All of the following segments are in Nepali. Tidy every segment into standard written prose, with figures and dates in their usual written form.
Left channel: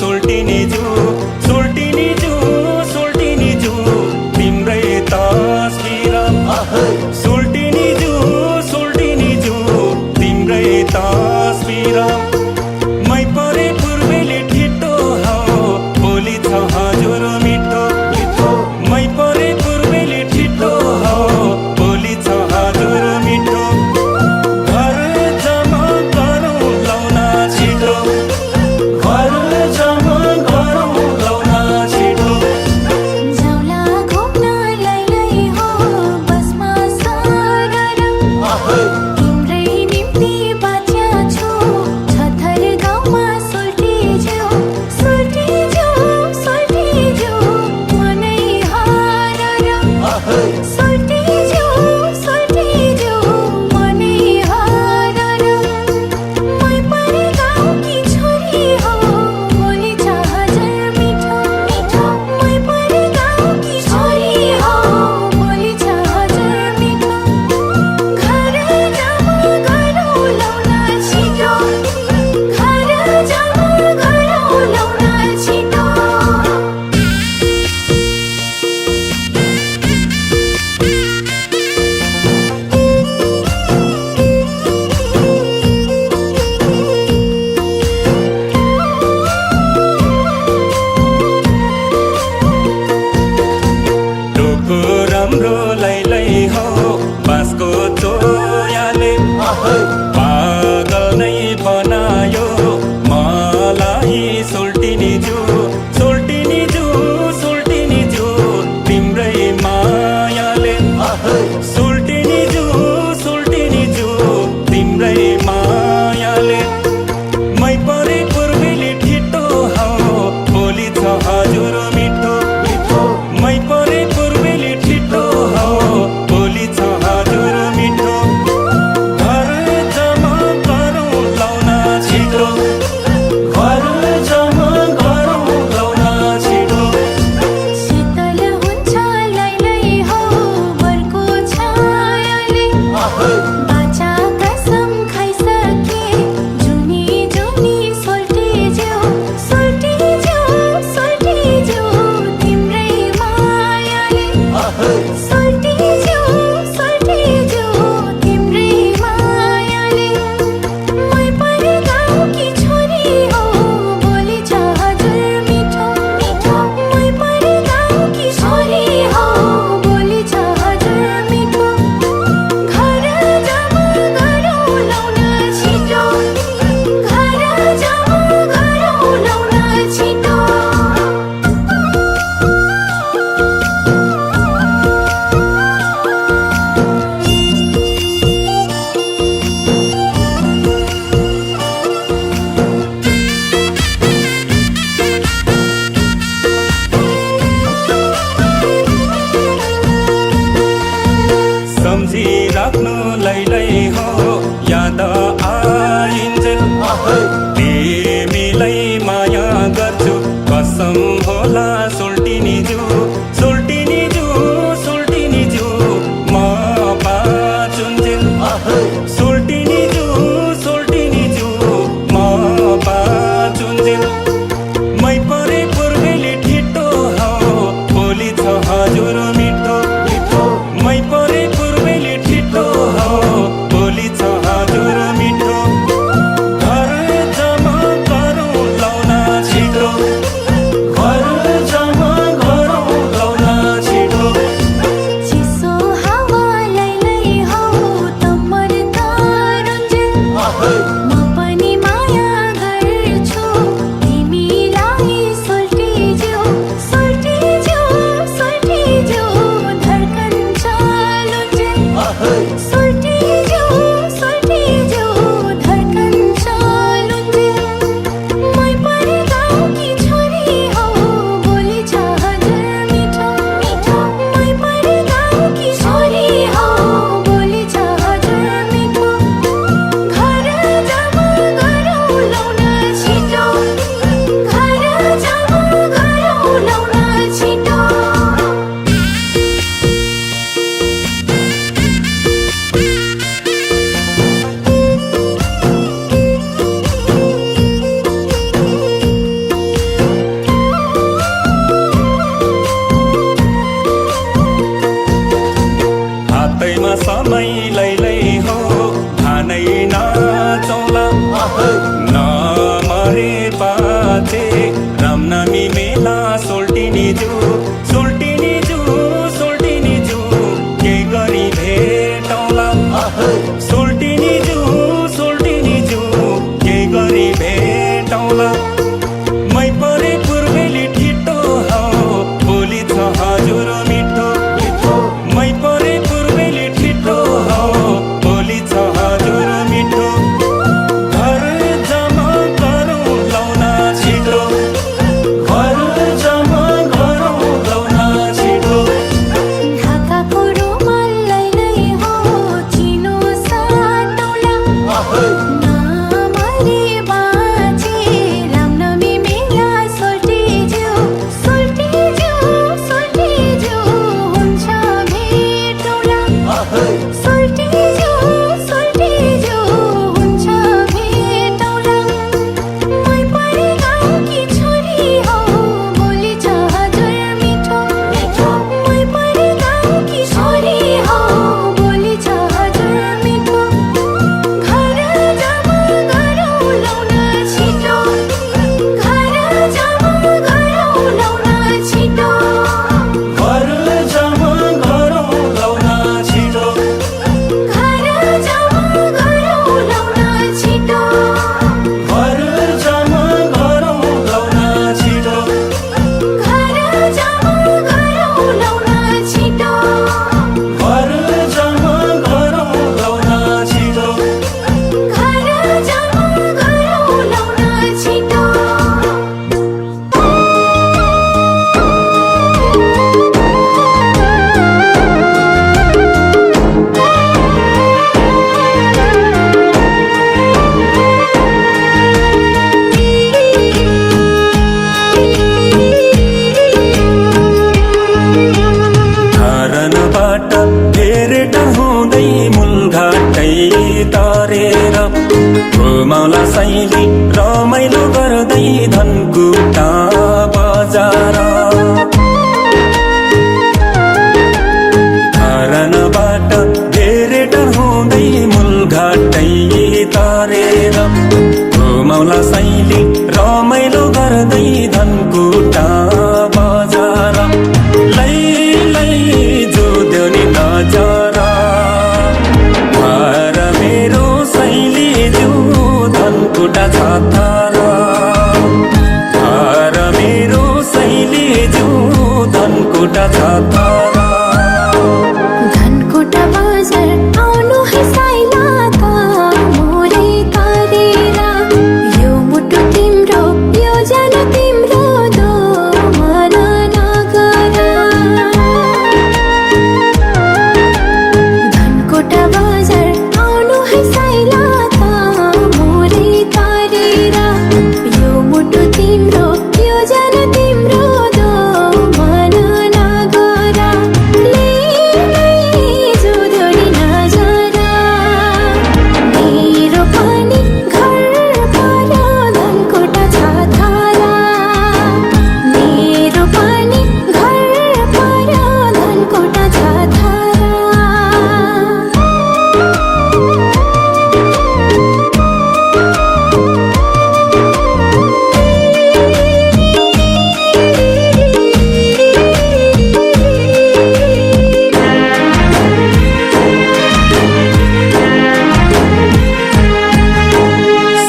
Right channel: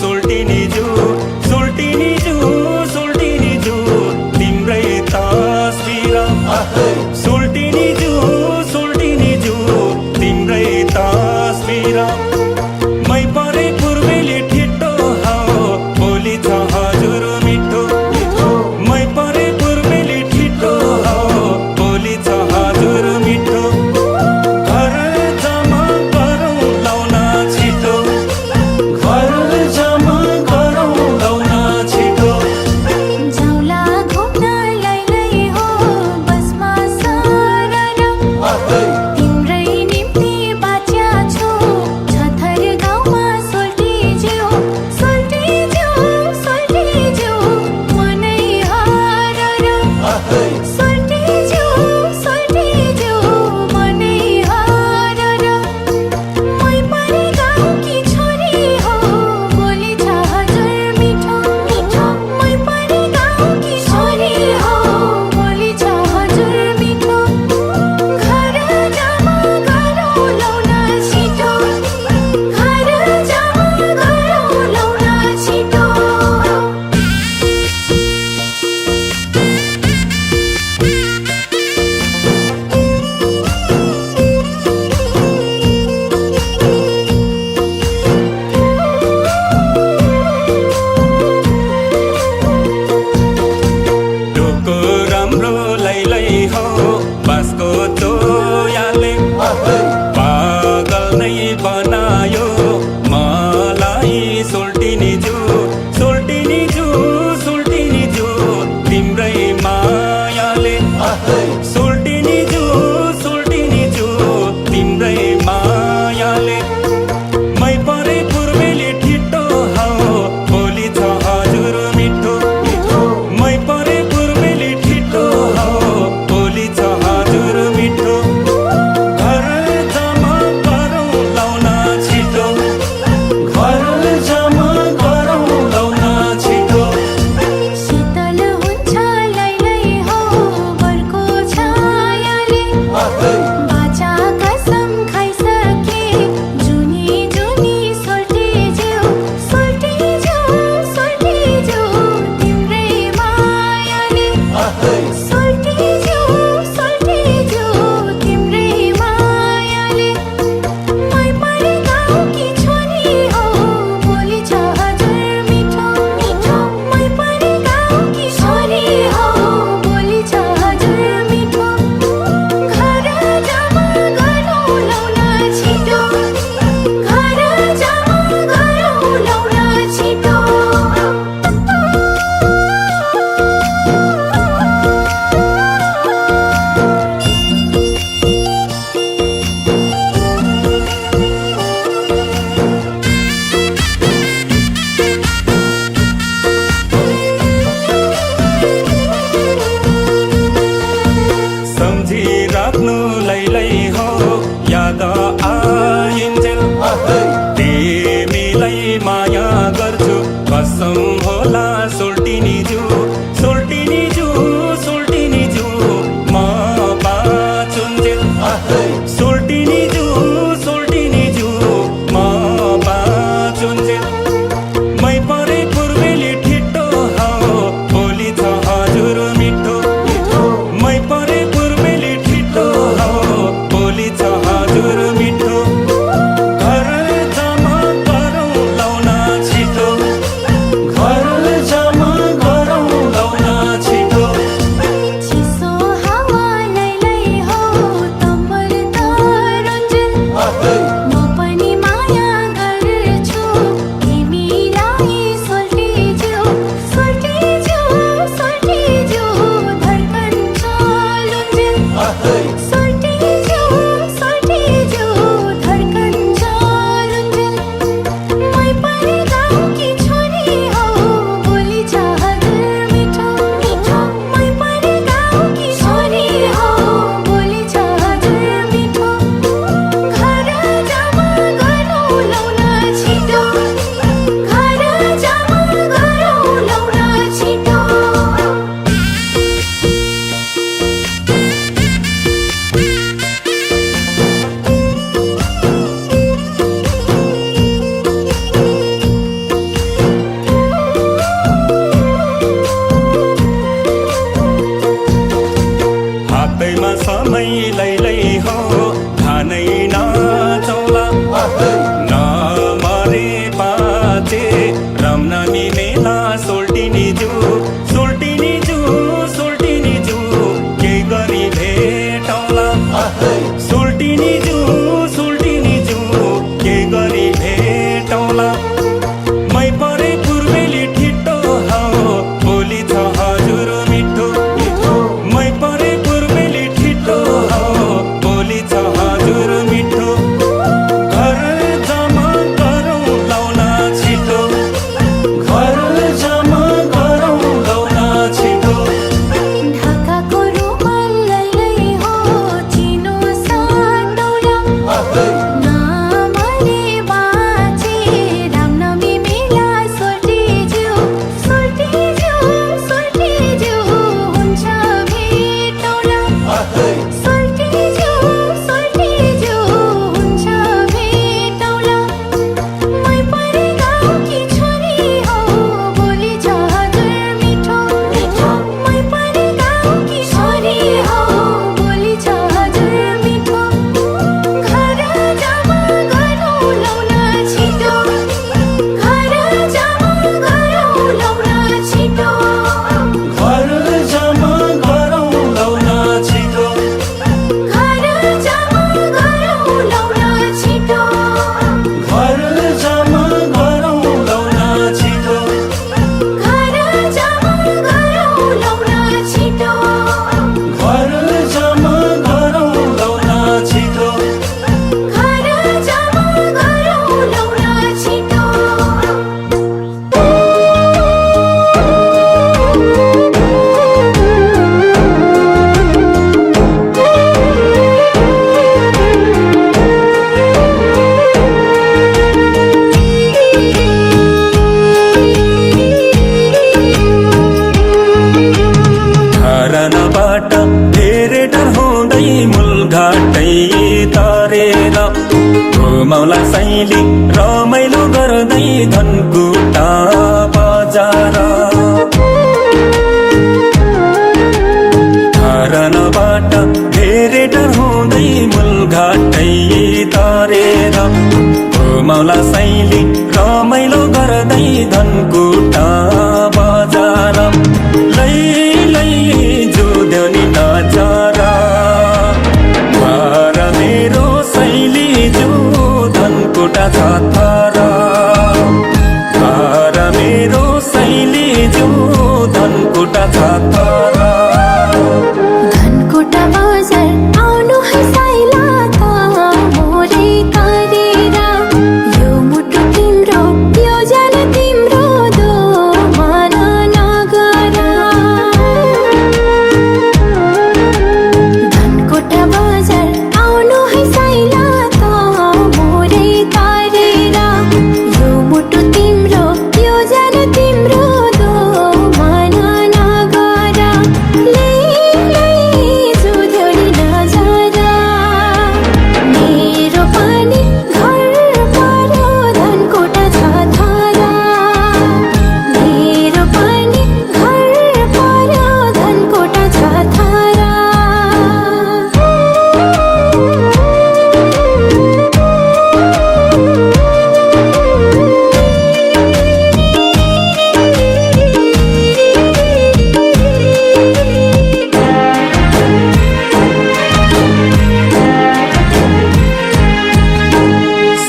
सोल्टिनी जू सोल्टिनी जू सोल्टिनी जू तिम्रै तस्बिर सोल्टिनी जू तिम्रै तस्बिर मै परे पूर्वेले ठिटो हावा बोली छ हजुर मिठो मै परे पूर्वेले ठिटो हावा बोली छ हजुर मिठो घर जमा गरौँ लाउन छिटो घर जमा गरौँ लाउन छिटो जाउला घुम्न लै हो बसमा सरर तिम्रै निम्ति बाच्या छु छथर गाउँमा सोल्टी ज्यू मनै हरर सोल्टी ज्यू मनै हरर मै परे गाउँकी छोरी हो बोली छ हजुर मिठो मै परे गाउँकी छोरी हो बोली छ हजुर मिठो घर जमा गरौँ लाउन छिटो घर जमा गरौँ लाउन छिटो टोको राम्रो लै हो बाँसको चोयाले पागल नै बनायो मलाई सोल्टिनी जू तिम्रै मायाले सोल्टिनी जू तिम्रै मायाले मै परे पूर्वेले ठिटो हावा बोली छ हजुर मिठो मै परे पूर्वेले ठिटो हावा बोली छ हजुर मिठो घर जमा गरौँ लाउन छिटो घर जमा धनकुटा बजार धारनाबाट धेरै डहुँदै मूलघाटै तरेर घुमाउला सैली रमाइलो गर्दै धनकुटा बजार लै लै जुद्यो नि नजर घर मेरो सैली जो धनकुटा छ तर घर मेरो सैली जो धनकुटा छ तर धनकुटा बजार आउनु है साइला त मोरे तरेर यो मुटु तिम्रो यो जान तिम्रो दो मन नगर धनकुटा बजार आउनु है साइला त मोरे तरेर यो मुटु तिम्रो यो जान तिम्रो दो मन नगर लै लै जुद्यो नि नजर मेरो पनि घर पर्यो धनकुटा छ तर मेरो पनि घर पर्यो धनकुटा छ तर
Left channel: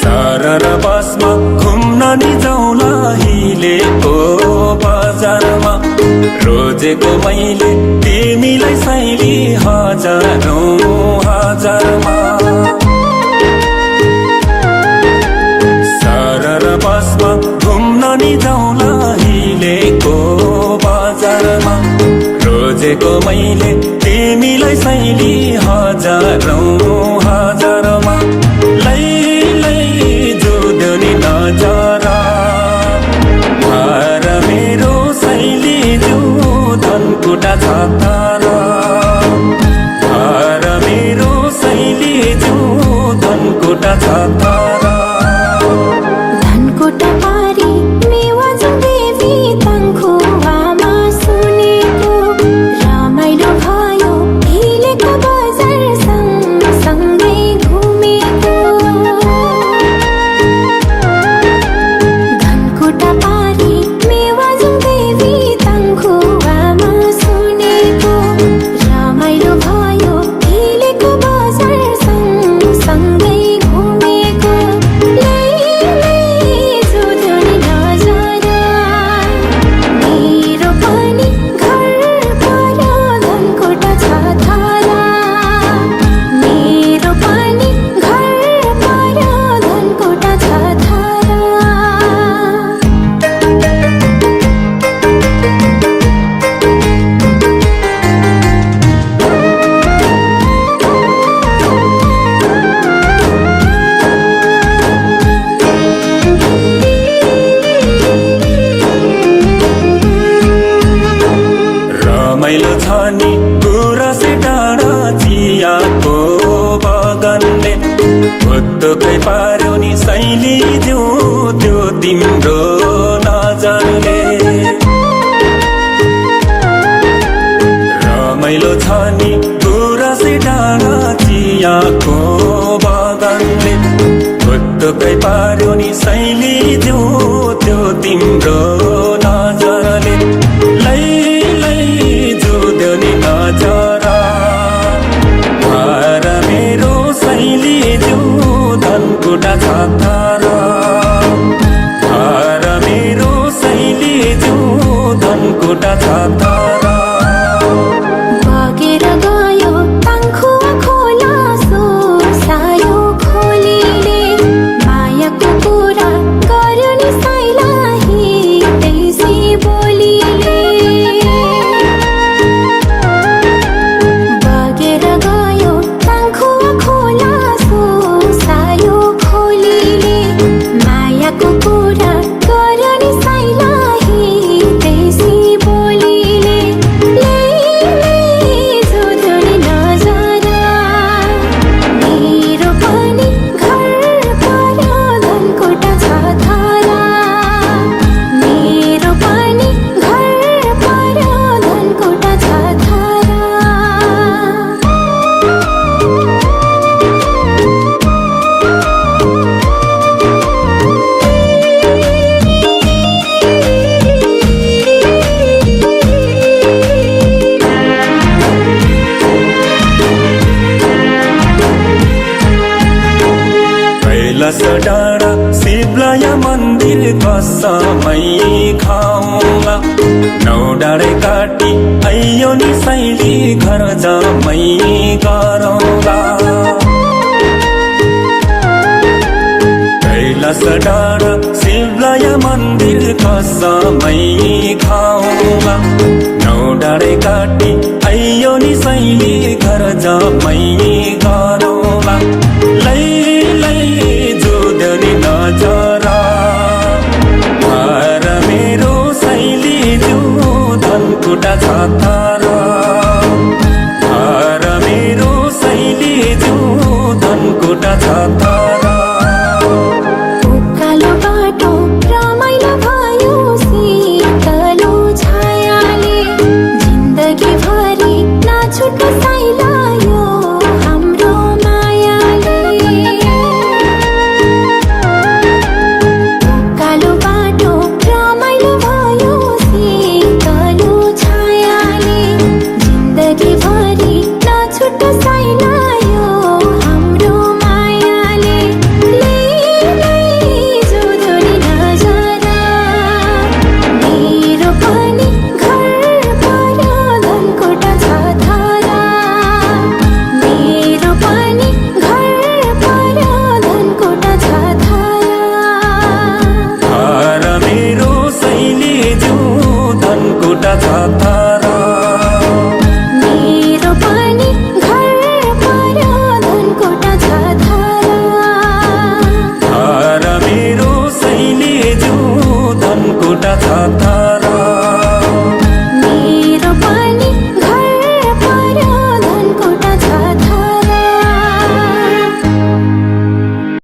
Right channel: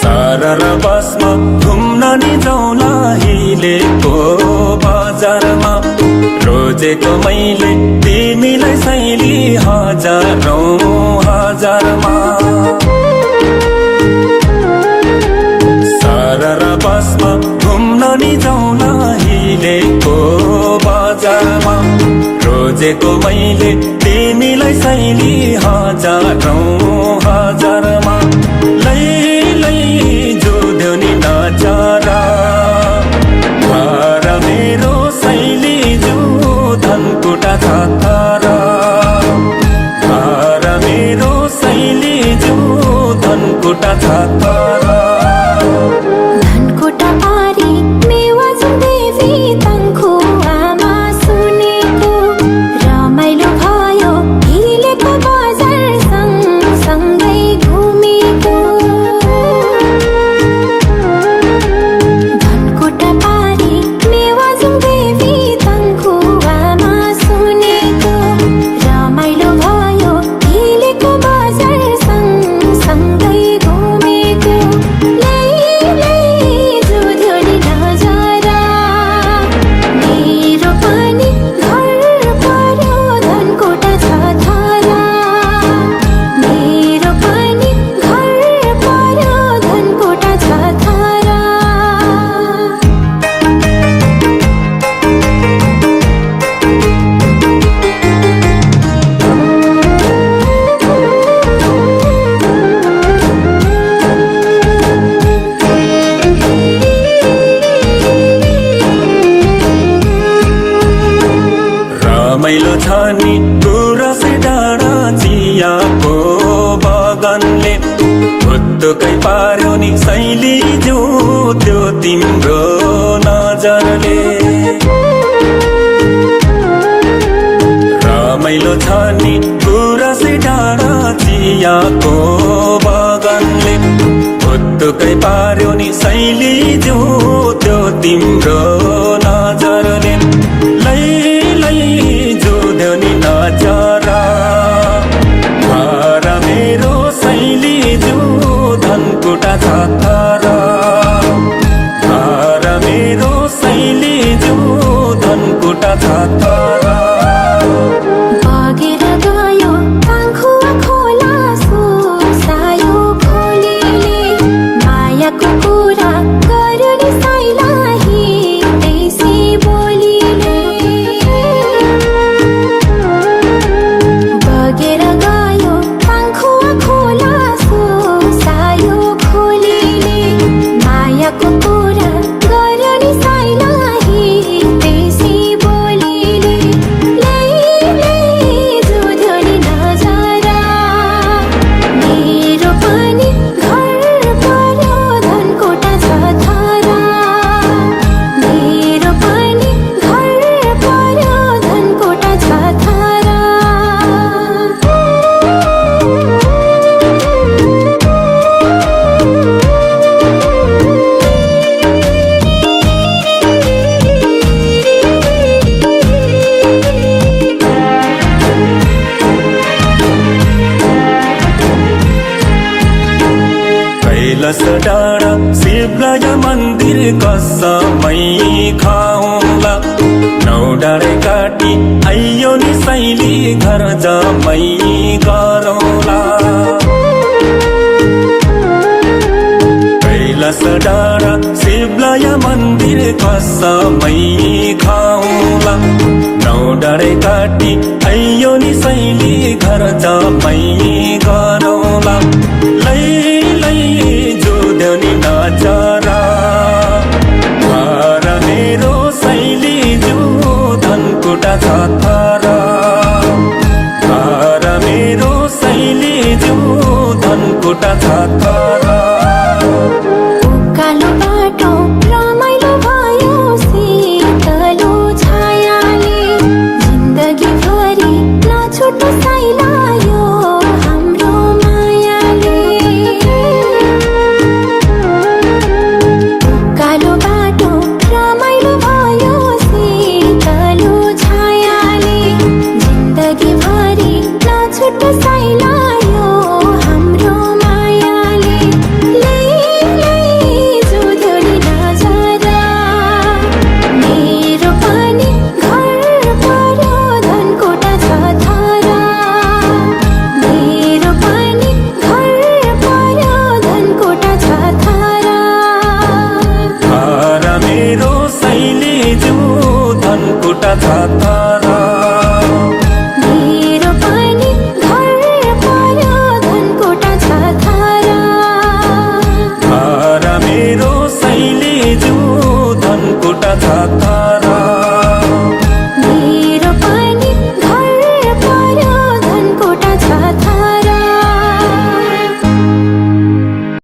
सरर बसमा घुम्न नि जाउँला हिलेको बजारमा रोजेको मैले तिमीलाई सैली हजारौँ हजारमा सरर बसमा घुम्न नि जाउँला हिलेको बजारमा रोजेको मैले तिमीलाई सैली हजारौँ हजारमा लै लै जुद्यो नि नजर घर मेरो सैली जो धनकुटा छ तर घर मेरो सैली जो धनकुटा छ तर धनकुटा पारी मेवाजुङ देवी तङ्खुवामा सुनेको रमाइलो भयो हिलेको बजार सँगसँगै घुमेको धनकुटा पारी मेवाजुङ देवी तङ्खुवामा सुनेको रमाइलो भयो हिलेको बजार सँगसँगै घुमेको लै लै जुद्यो नि नजर मेरो पनि घर पर्यो धनकुटा छ तर मेरो पनि घर पर्यो धनकुटा छ तर रमाइलो छ नि गुरसे डाँडा चियाको बगानले भुत्तुकै पार्यो नि सैली जो त्यो तिम्रो नजरले रमाइलो छ नि गुरसे डाँडा चियाको बगानले भुत्तुकै पार्यो नि सैली जो त्यो तिम्रो नजरले लै लै जुद्यो नि नजर घर मेरो सैली जो धनकुटा छ तर घर मेरो सैली जो धनकुटा छ तर बगेर गयो तङ्खुवा खोला सोसायो खोलीले मायाको कुरा गर्यो नि साइला खाउँला नौ डाँडे काटी आइयो नि सैली घर जमै गरौँला कैलाश डाँडा शिवलय मन्दिर कसमै खाउँला नौ डाँडे काटी आइयो नि सैली घर जमै गरौँला